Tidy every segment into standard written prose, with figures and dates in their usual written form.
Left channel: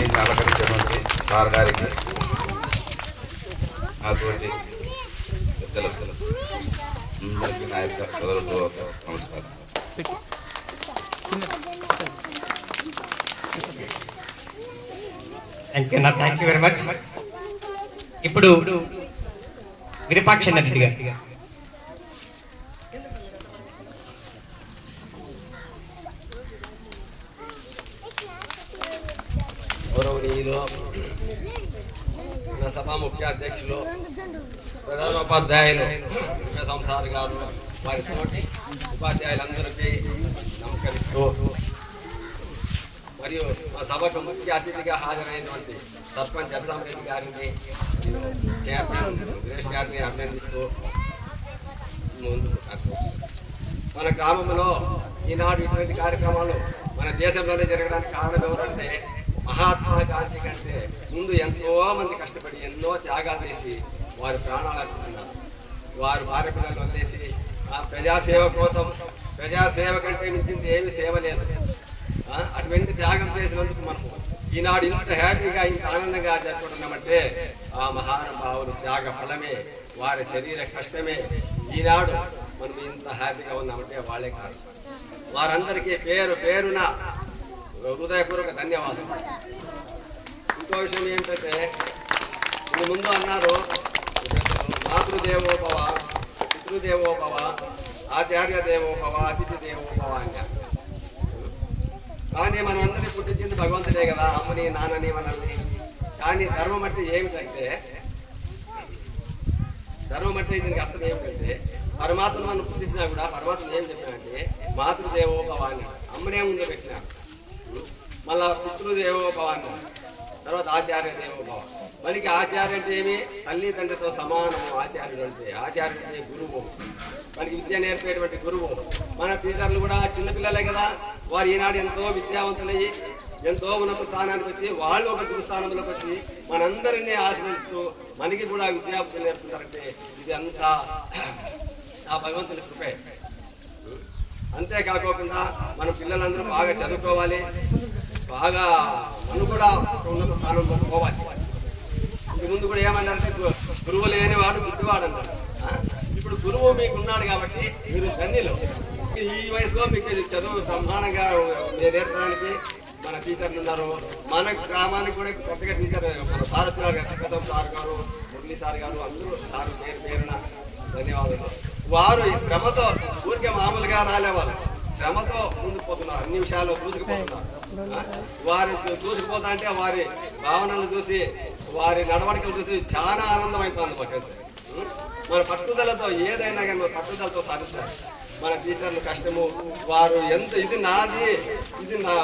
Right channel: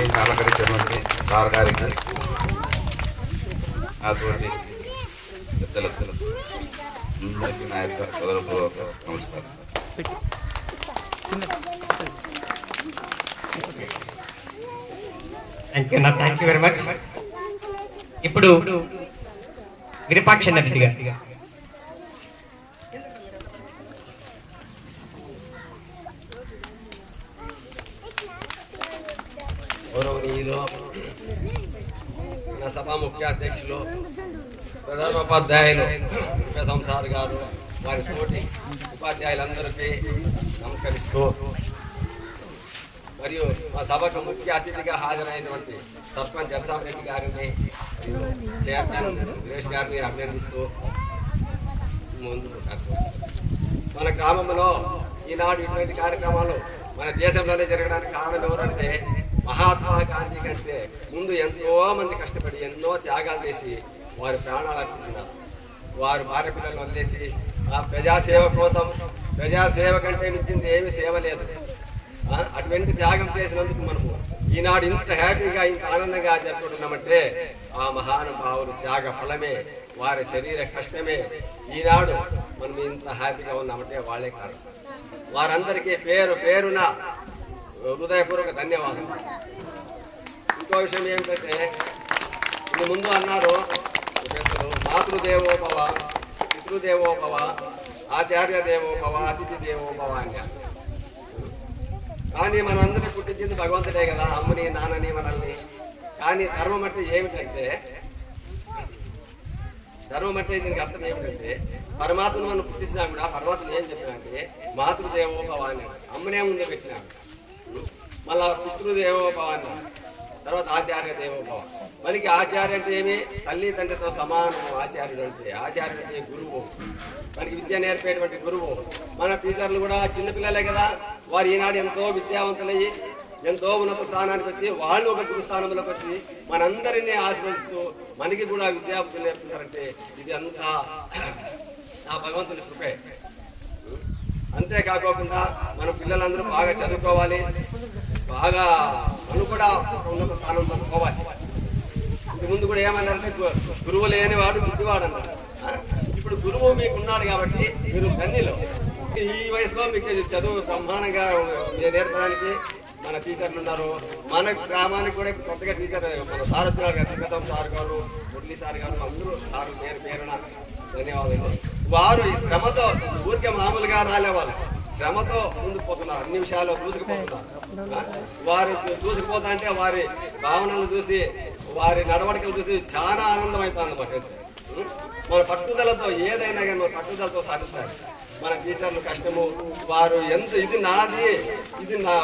Stage అలంకరించినటువంటి sir గారికి, నాతోటి పెద్దలకు అందరికీ నా యొక్క హృదయపూర్వక నమస్కారం. Thank you very much. ఇప్పుడు విరూపాక్ష రెడ్డి గారు. గౌరవనీయులు, మన సభ ముఖ్య అధ్యక్షులు, ప్రధానోపాధ్యాయులు సంసార్ గారు, వారి తోటి ఉపాధ్యాయులందరికీ నమస్కరిస్తూ, మరియు మా సభకు ముఖ్య అతిథిగా హాజరైనటువంటి సర్పంచ్ ఎల్సాం రెడ్డి గారిని, చైర్మన్ సురేష్ గారిని అభినందిస్తూ ముందుకు మన గ్రామంలో ఈనాడు ఇటువంటి కార్యక్రమాలు మన దేశంలోనే జరగడానికి కారణం ఎవరంటే మహాత్మా గాంధీ కంటే ముందు ఎంతో మంది కష్టపడి ఎన్నో త్యాగాలు చేసి వారి ప్రాణాలు అర్పించినారు. వారు భార్య పిల్లలు వదిలేసి ఆ ప్రజాసేవ కోసం, ప్రజాసేవ కంటే మించింది ఏమీ సేవ లేదు. అటువంటి త్యాగం చేసినందుకు మనము ఈనాడు ఇంత హ్యాపీగా ఇంత ఆనందంగా జరుపుకుంటున్నామంటే ఆ మహానుభావులు త్యాగ ఫలమే, వారి శరీర కష్టమే ఈనాడు మనం ఇంత హ్యాపీగా ఉన్నామంటే వాళ్ళే కారణం. వారందరికీ పేరు పేరున హృదయపూర్వక ధన్యవాదాలు. ఇంకో విషయం ఏంటంటే, ముందు అన్నారు మాతృదేవోభవ, పితృదేవోభవ, ఆచార్య దేవోభవ, అతిథి దేవోభవ అన్నారు. కానీ మనం అందరినీ పుట్టించింది భగవంతుడే కదా, అమ్మని నాన్నని మనల్ని. కానీ ధర్మం అంటే ఏమిటంటే, ధర్మం అంటే దీనికి అర్థం ఏమిటంటే, పరమాత్మ మనం పుట్టించినా కూడా పరమాత్మ ఏం చెప్పినాడంటే మాతృదేవోభవ అన్నాడు, అమ్మనే ముందు పెట్టినాడు. మళ్ళా పితృదేవోభవ అన్నాడు, తర్వాత ఆచార్య దేవోభవ. మనకి ఆచార్య అంటే ఏమి, తల్లి తండ్రితో సమానం ఆచార్యుడు అంటే. ఆచార్యుడు అంటే గురువు, మనకి విద్య నేర్పేటువంటి గురువు. మన టీచర్లు కూడా చిన్నపిల్లలే కదా, వారు ఈనాడు ఎంతో విద్యావంతులయ్యి ఎంతో ఉన్నత స్థానానికి వచ్చి వాళ్ళు ఒక గురుస్థానంలోకి వచ్చి మనందరినీ ఆశ్రయిస్తూ మనకి కూడా విద్యాబుద్ధులు నేర్పుతున్నారంటే ఇది అంతా ఆ భగవంతుని కృపే. అంతేకాకుండా మన పిల్లలందరూ బాగా చదువుకోవాలి, బాగా మనం కూడా ఉన్నత స్థానంలో పోవాలి. ఇంటి ముందు కూడా ఏమన్నారంటే గురువు లేనివాడు గుడ్డివాడు అన్నారు. ఇప్పుడు గురువు మీకు ఉన్నాడు కాబట్టి మీరు ధన్యులు. ఈ వయసులో మీకు చదువు బ్రహ్మాండంగా నేర్పడానికి మన టీచర్లు ఉన్నారు. మన గ్రామానికి కూడా కొత్తగా టీచర్ మన సార్ వచ్చినారు కదా, తిరుపతి సార్ గారు, మురళీ సార్ గారు, అందరూ సార్ పేరు పేరున ధన్యవాదాలు. వారు ఈ శ్రమతో ఊరికే మామూలుగా రాలేవాళ్ళు, శ్రమతో ముందుకు పోతున్నారు, అన్ని విషయాల్లో దూసుకుపోతున్నారు. వారు దూసుకుపోతా అంటే వారి భావనలు చూసి, వారి నడవడికలు చూసి చాలా ఆనందం అయిపోయింది మాకైతే. మన పట్టుదలతో ఏదైనా కానీ మన పట్టుదలతో సాధిస్తారు. మన టీచర్లు కష్టము, వారు ఎంత ఇది నాది, ఇది నా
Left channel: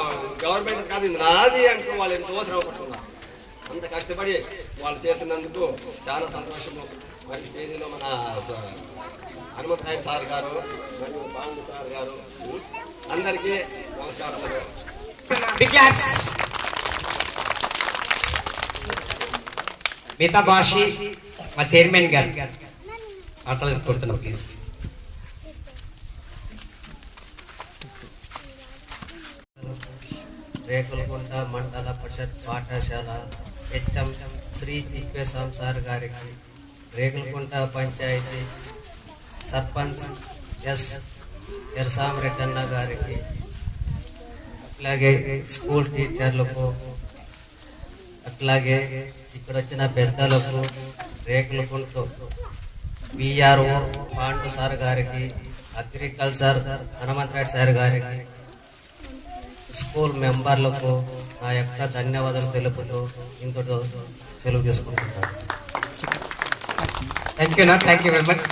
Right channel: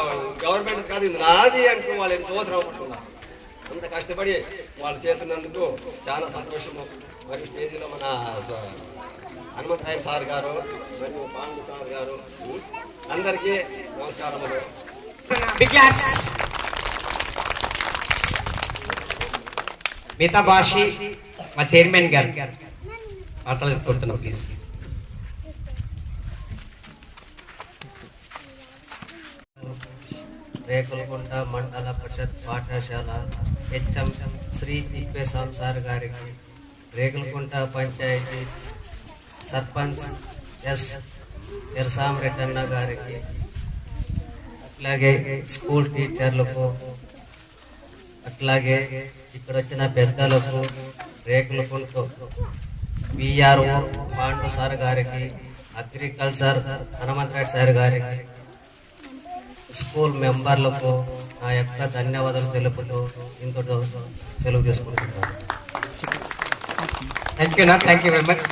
గవర్నమెంట్ కాదు, ఇది నాది అంటూ వాళ్ళు ఎంతో శ్రమ పడుతున్నారు. అంత కష్టపడి వాళ్ళు చేసినందుకు చాలా సంతోషము. మరి స్టేజీలో మన హనుమంతరాయ సార్ గారు మరియు పాండు సార్ గారు అందరికీ నమస్కారములు. మిగతా భాషి మా చైర్మన్ గారు మాట్లాడుతున్నాం ప్లీజ్. రేకులకుంట మండల పరిషత్ పాఠశాల హెచ్ఎం శ్రీ తిప్పేస్వామి సార్ గారికి, రేకులకుంట పంచాయతీ సర్పంచ్ ఎల్సాం రెడ్డి గారికి, అట్లాగే స్కూల్ టీచర్లకు, అట్లాగే ఇక్కడ వచ్చిన పెద్దలకు, రేకులకుంట విఆర్ఓ పాండు సార్ గారికి, అగ్రికల్చర్ హనుమంతరాయుడు సార్ గారికి, స్కూల్ మెంబర్లకు నా యొక్క ధన్యవాదాలు తెలుపుతూ ఇంతటితో సెలవు తీసుకుంటున్నాను. Thank you very much.